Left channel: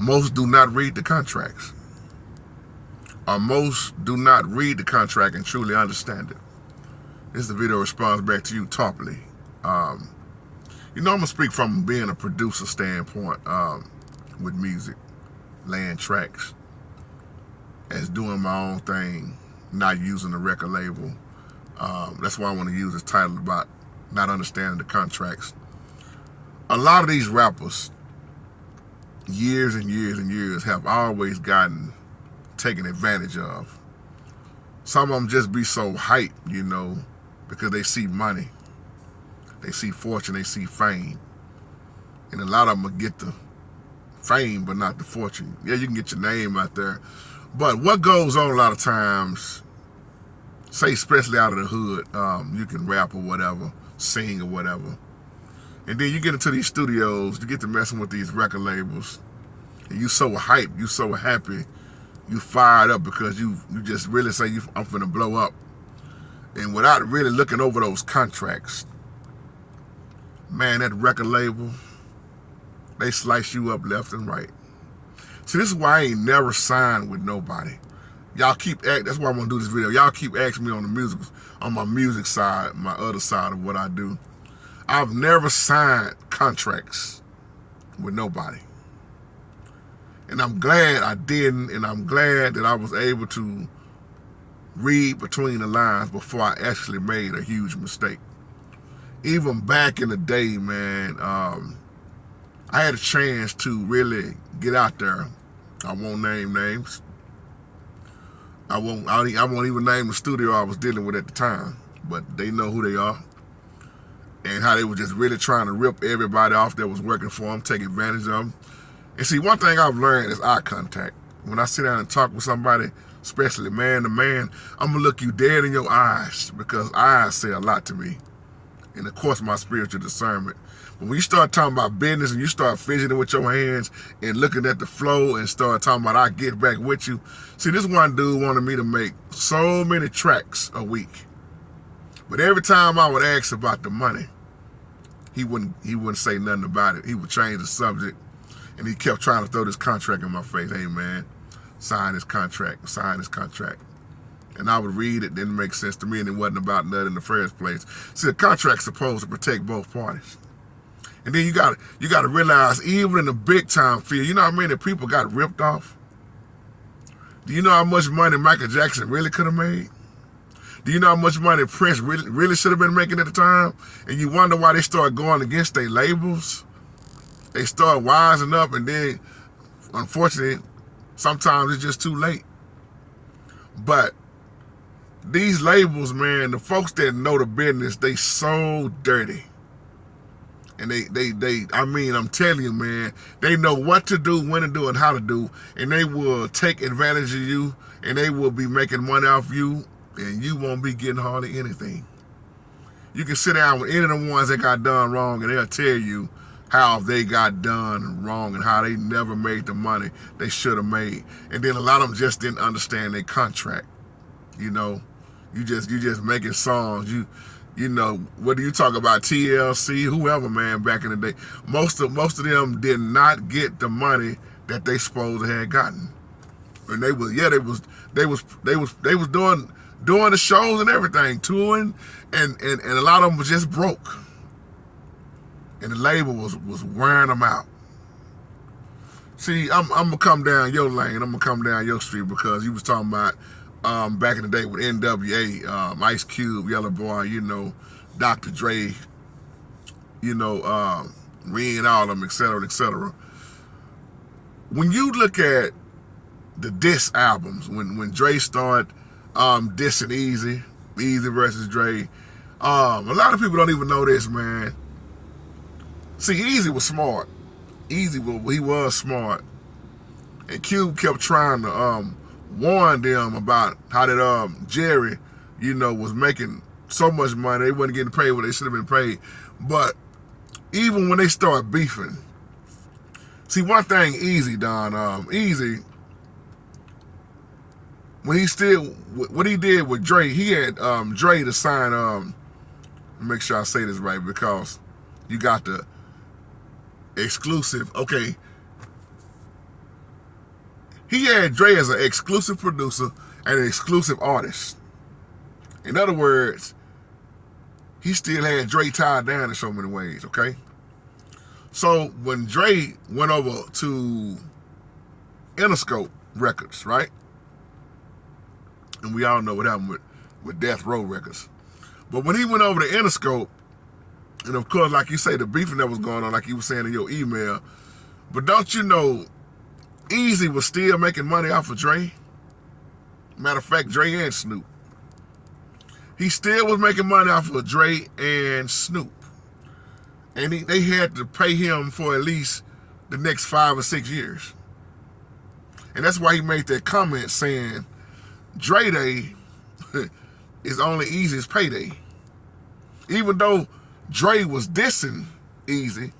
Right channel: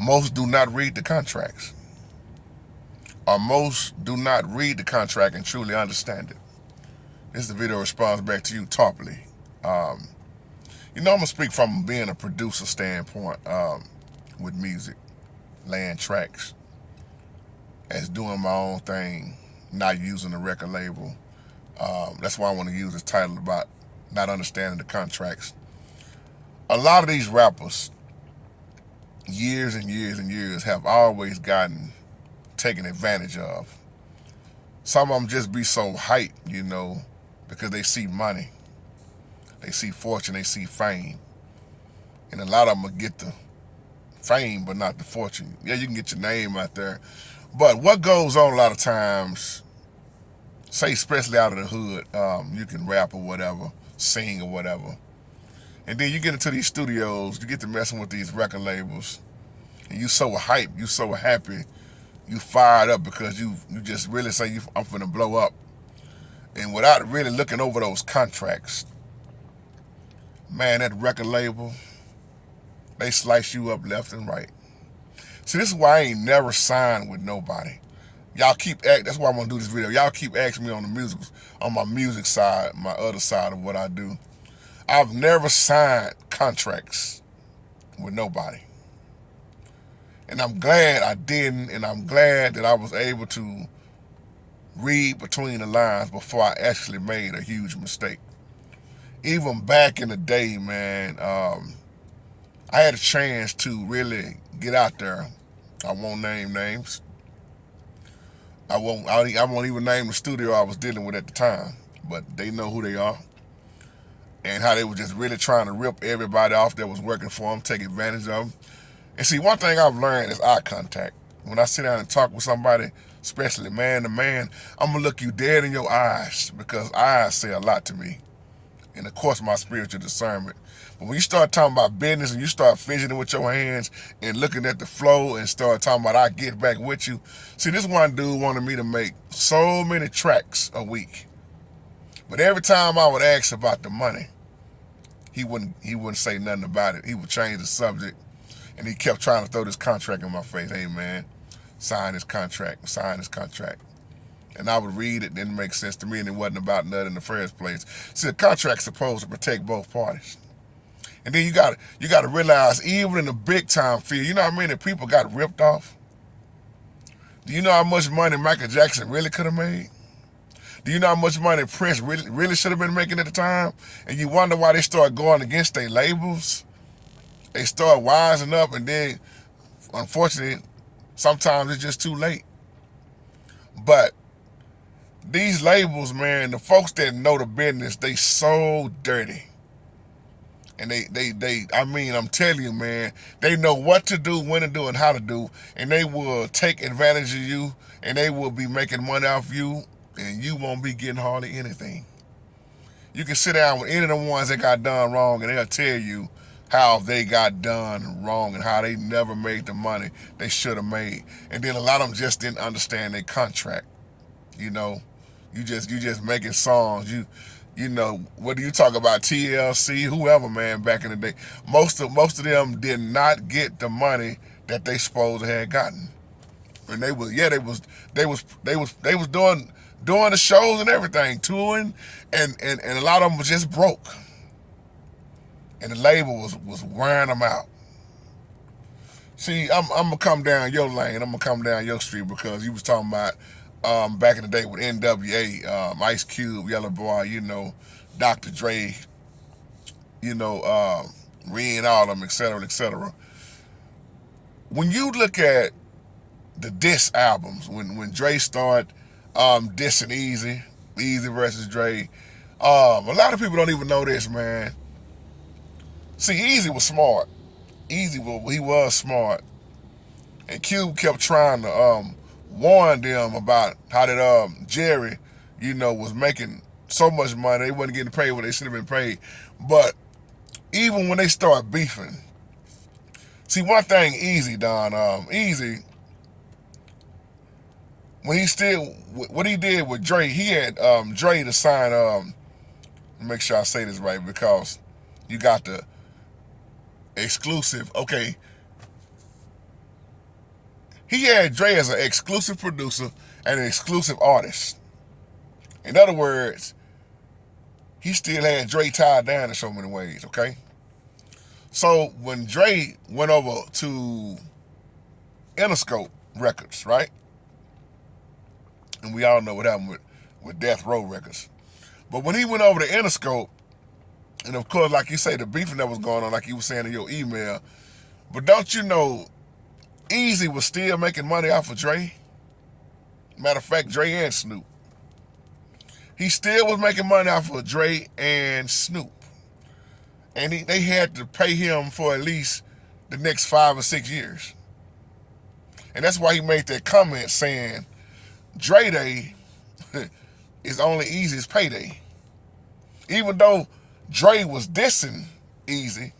most do not read the contracts, or most do not read the contract and truly understand it. This is the video response back to you, Tarpley. I'm gonna speak from being a producer standpoint with music, laying tracks, as doing my own thing, not using a record label. That's why I want to use this title about not understanding the contracts. A lot of these rappers, years and years and years, have always gotten taken advantage of. Some of them just be so hyped, because they see money, they see fortune, they see fame. And a lot of them will get the fame, but not the fortune. Yeah, you can get your name out there. But what goes on a lot of times, say especially out of the hood, you can rap or whatever, sing or whatever. And then you get into these studios, you get to messing with these record labels, and you so hyped, you so happy, you fired up because you just really say, I'm finna blow up. And without really looking over those contracts, man, that record label, they slice you up left and right. See, this is why I ain't never signed with nobody. Y'all keep that's why I'm gonna do this video. Y'all keep asking me on my music side, my other side of what I do. I've never signed contracts with nobody. And I'm glad I didn't, and I'm glad that I was able to read between the lines before I actually made a huge mistake. Even back in the day, man, I had a chance to really get out there. I won't name names. I won't even name the studio I was dealing with at the time, but they know who they are and how they were just really trying to rip everybody off that was working for them, take advantage of them. And see, one thing I've learned is eye contact. When I sit down and talk with somebody, especially man to man, I'm gonna look you dead in your eyes, because eyes say a lot to me. And of course, my spiritual discernment. But when you start talking about business and you start fidgeting with your hands and looking at the flow and start talking about, I get back with you. See, this one dude wanted me to make so many tracks a week. But every time I would ask about the money, he wouldn't say nothing about it. He would change the subject, and he kept trying to throw this contract in my face. Hey man, sign this contract, sign this contract. And I would read it, didn't make sense to me, and it wasn't about nothing in the first place. See, the contract's supposed to protect both parties. And then you gotta realize, even in the big time field, you know how many people got ripped off? Do you know how much money Michael Jackson really could have made? Do you know how much money Prince really should have been making at the time? And you wonder why they start going against their labels. They start wising up, and then, unfortunately, sometimes it's just too late. But these labels, man, the folks that know the business, they so dirty. And I'm telling you, man, they know what to do, when to do, and how to do. And they will take advantage of you, and they will be making money off you, and you won't be getting hardly anything. You can sit down with any of the ones that got done wrong, and they'll tell you how they got done wrong and how they never made the money they should have made. And then a lot of them just didn't understand their contract. You just making songs. Whether you talk about TLC, whoever, man, back in the day, most of them did not get the money that they supposed to have gotten. And they was doing the shows and everything, touring, and a lot of them was just broke. And the label was wearing them out. See, I'm gonna come down your lane, I'm gonna come down your street, because you was talking about back in the day with NWA, Ice Cube, Yellow Boy, Dr. Dre, Ren, all of them, et cetera, et cetera. When you look at the diss albums, when Dre started dissing Easy versus Dre, a lot of people don't even know this, man. See, Easy was smart. He was smart. And Cube kept trying to warn them about how that Jerry, was making so much money, they wasn't getting paid what they should have been paid. But even when they start beefing, see, one thing Easy done, Easy, what he did with Dre, he had Dre to sign, make sure I say this right, because you got the exclusive. Okay, He had Dre as an exclusive producer and an exclusive artist. In other words, he still had Dre tied down in so many ways, okay? So when Dre went over to Interscope Records, right? And we all know what happened with Death Row Records. But when he went over to Interscope, and of course, like you say, the beefing that was going on, like you were saying in your email, but don't you know, Easy was still making money off of Dre? Matter of fact, Dre and Snoop. He still was making money off of Dre and Snoop. And they had to pay him for at least the next 5 or 6 years. And that's why he made that comment saying, Dre Day is only Easy's payday. Even though Dre was dissing Easy,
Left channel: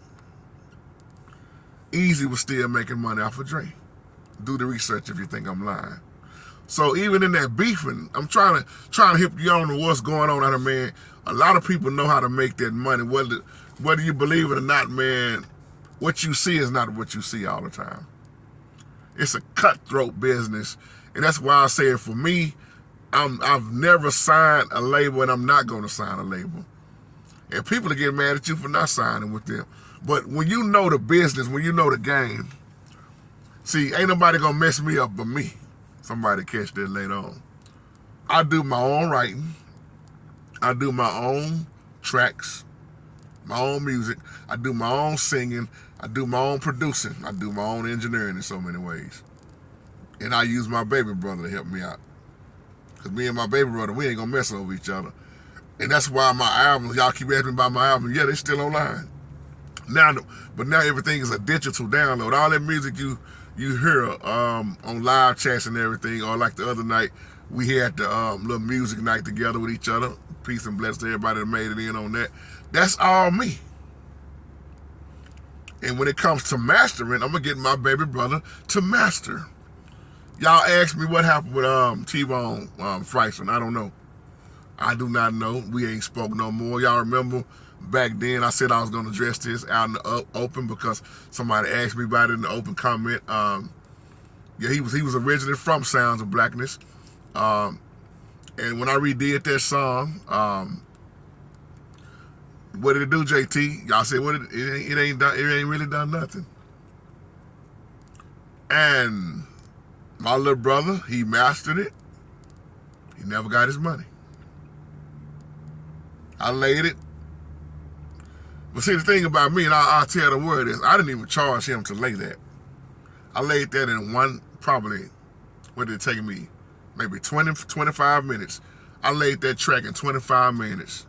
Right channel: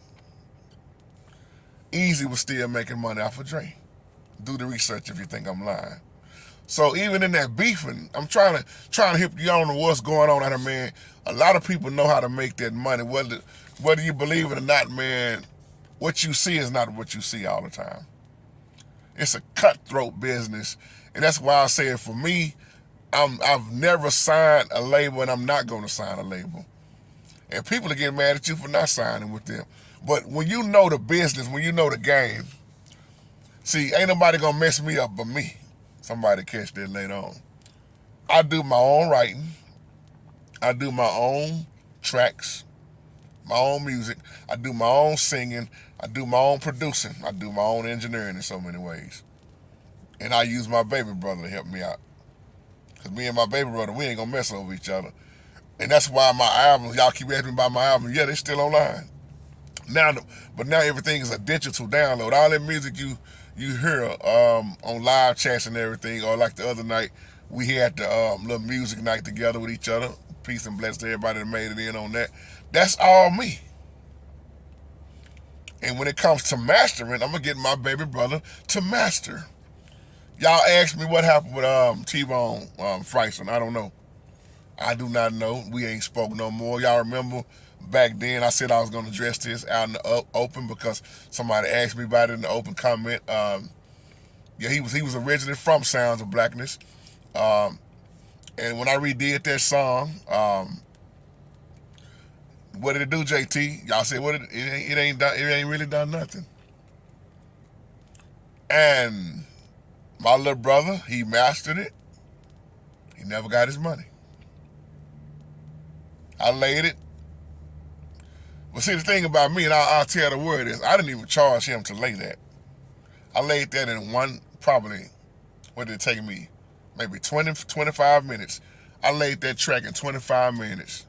Easy was still making money off of Dre. Do the research if you think I'm lying. So even in that beefing, I'm trying to hip you on to what's going on out there, man. A lot of people know how to make that money. Whether you believe it or not, man, what you see is not what you see all the time. It's a cutthroat business. And that's why I say for me, I've never signed a label and I'm not going to sign a label. And people are getting mad at you for not signing with them. But when you know the business, when you know the game, see, ain't nobody going to mess me up but me. Somebody catch that later on. I do my own writing. I do my own tracks, my own music. I do my own singing. I do my own producing. I do my own engineering in so many ways. And I use my baby brother to help me out. Because me and my baby brother, we ain't going to mess over each other. And that's why my albums, y'all keep asking me about my album. Yeah, they still online. But now everything is a digital download. All that music you hear on live chats and everything, or like the other night, we had the little music night together with each other. Peace and bless to everybody that made it in on that. That's all me. And when it comes to mastering, I'm going to get my baby brother to master. Y'all asked me what happened with T-Bone Freisman. I don't know. I do not know. We ain't spoke no more. Y'all remember back then I said I was going to address this out in the open because somebody asked me about it in the open comment. Yeah, he was originally from Sounds of Blackness. And when I redid that song, what did it do, JT? Y'all said it ain't really done nothing. And my little brother, he mastered it. He never got his money. I laid it. But see, the thing about me, and I'll tell the world is, I didn't even charge him to lay that. I laid that in probably, what did it take me? Maybe 20, 25 minutes. I laid that track in 25 minutes.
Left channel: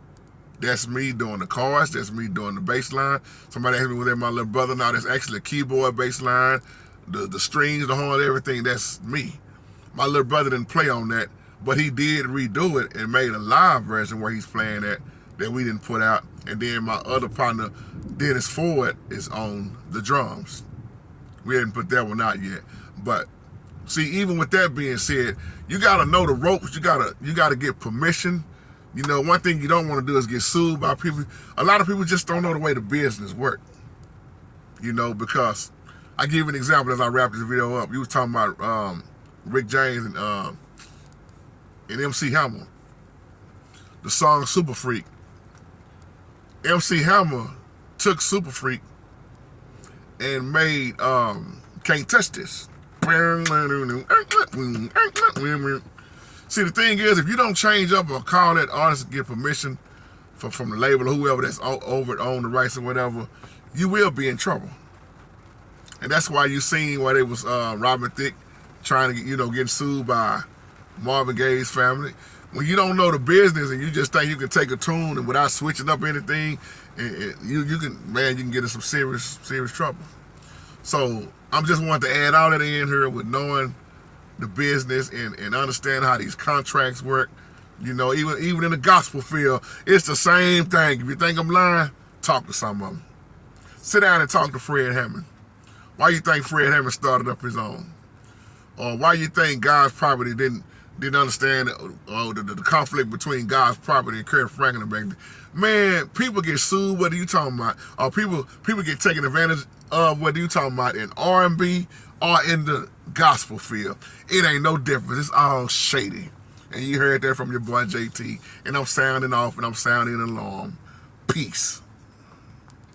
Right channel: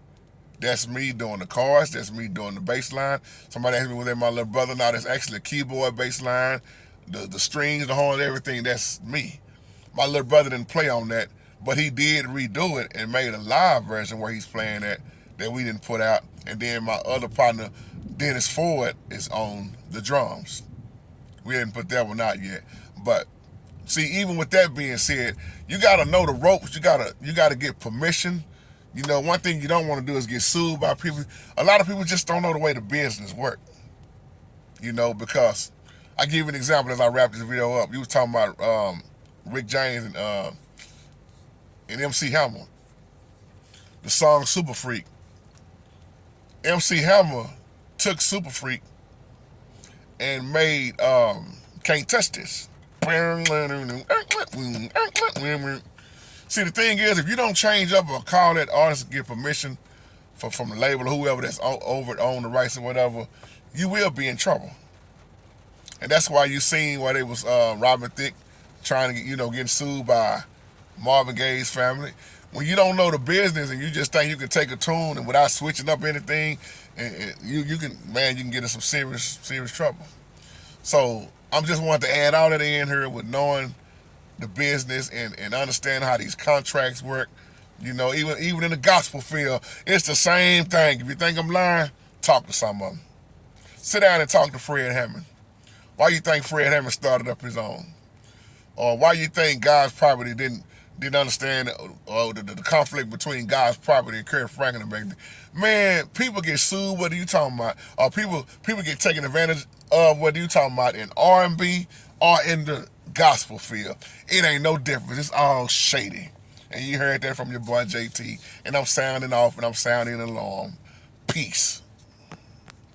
That's me doing the chorus. That's me doing the bass line. Somebody asked me, was that my little brother? Now, that's actually a keyboard bass line. The strings, the horn, everything, that's me. My little brother didn't play on that, but he did redo it and made a live version where he's playing that we didn't put out. And then my other partner, Dennis Ford, is on the drums. We hadn't put that one out yet. But see, even with that being said, you gotta know the ropes. You gotta get permission. You know, one thing you don't want to do is get sued by people. A lot of people just don't know the way the business work. You know, because I give you an example as I wrap this video up. You was talking about Rick James and MC Hammer. The song Super Freak. MC Hammer took Super Freak and made Can't Touch This. See, the thing is, if you don't change up or call that artist and get permission from the label or whoever that's over it, on the rights or whatever, you will be in trouble. And that's why you seen why they was Robin Thicke trying to getting sued by Marvin Gaye's family. When you don't know the business and you just think you can take a tune and without switching up anything, you can get in some serious trouble. So I'm just wanting to add all that in here with knowing the business and understand how these contracts work. You know, even in the gospel field, it's the same thing. If you think I'm lying, talk to some of them. Sit down and talk to Fred Hammond. Why you think Fred Hammond started up his own? Or why you think God's property didn't understand the conflict between God's property and Kirk Franklin back then? Man, people get sued, what are you talking about? Or people get taken advantage of, what are you talking about, in R&B or in the gospel feel. It ain't no difference. It's all shady. And you heard that from your boy JT. And I'm sounding off and I'm sounding along. Peace.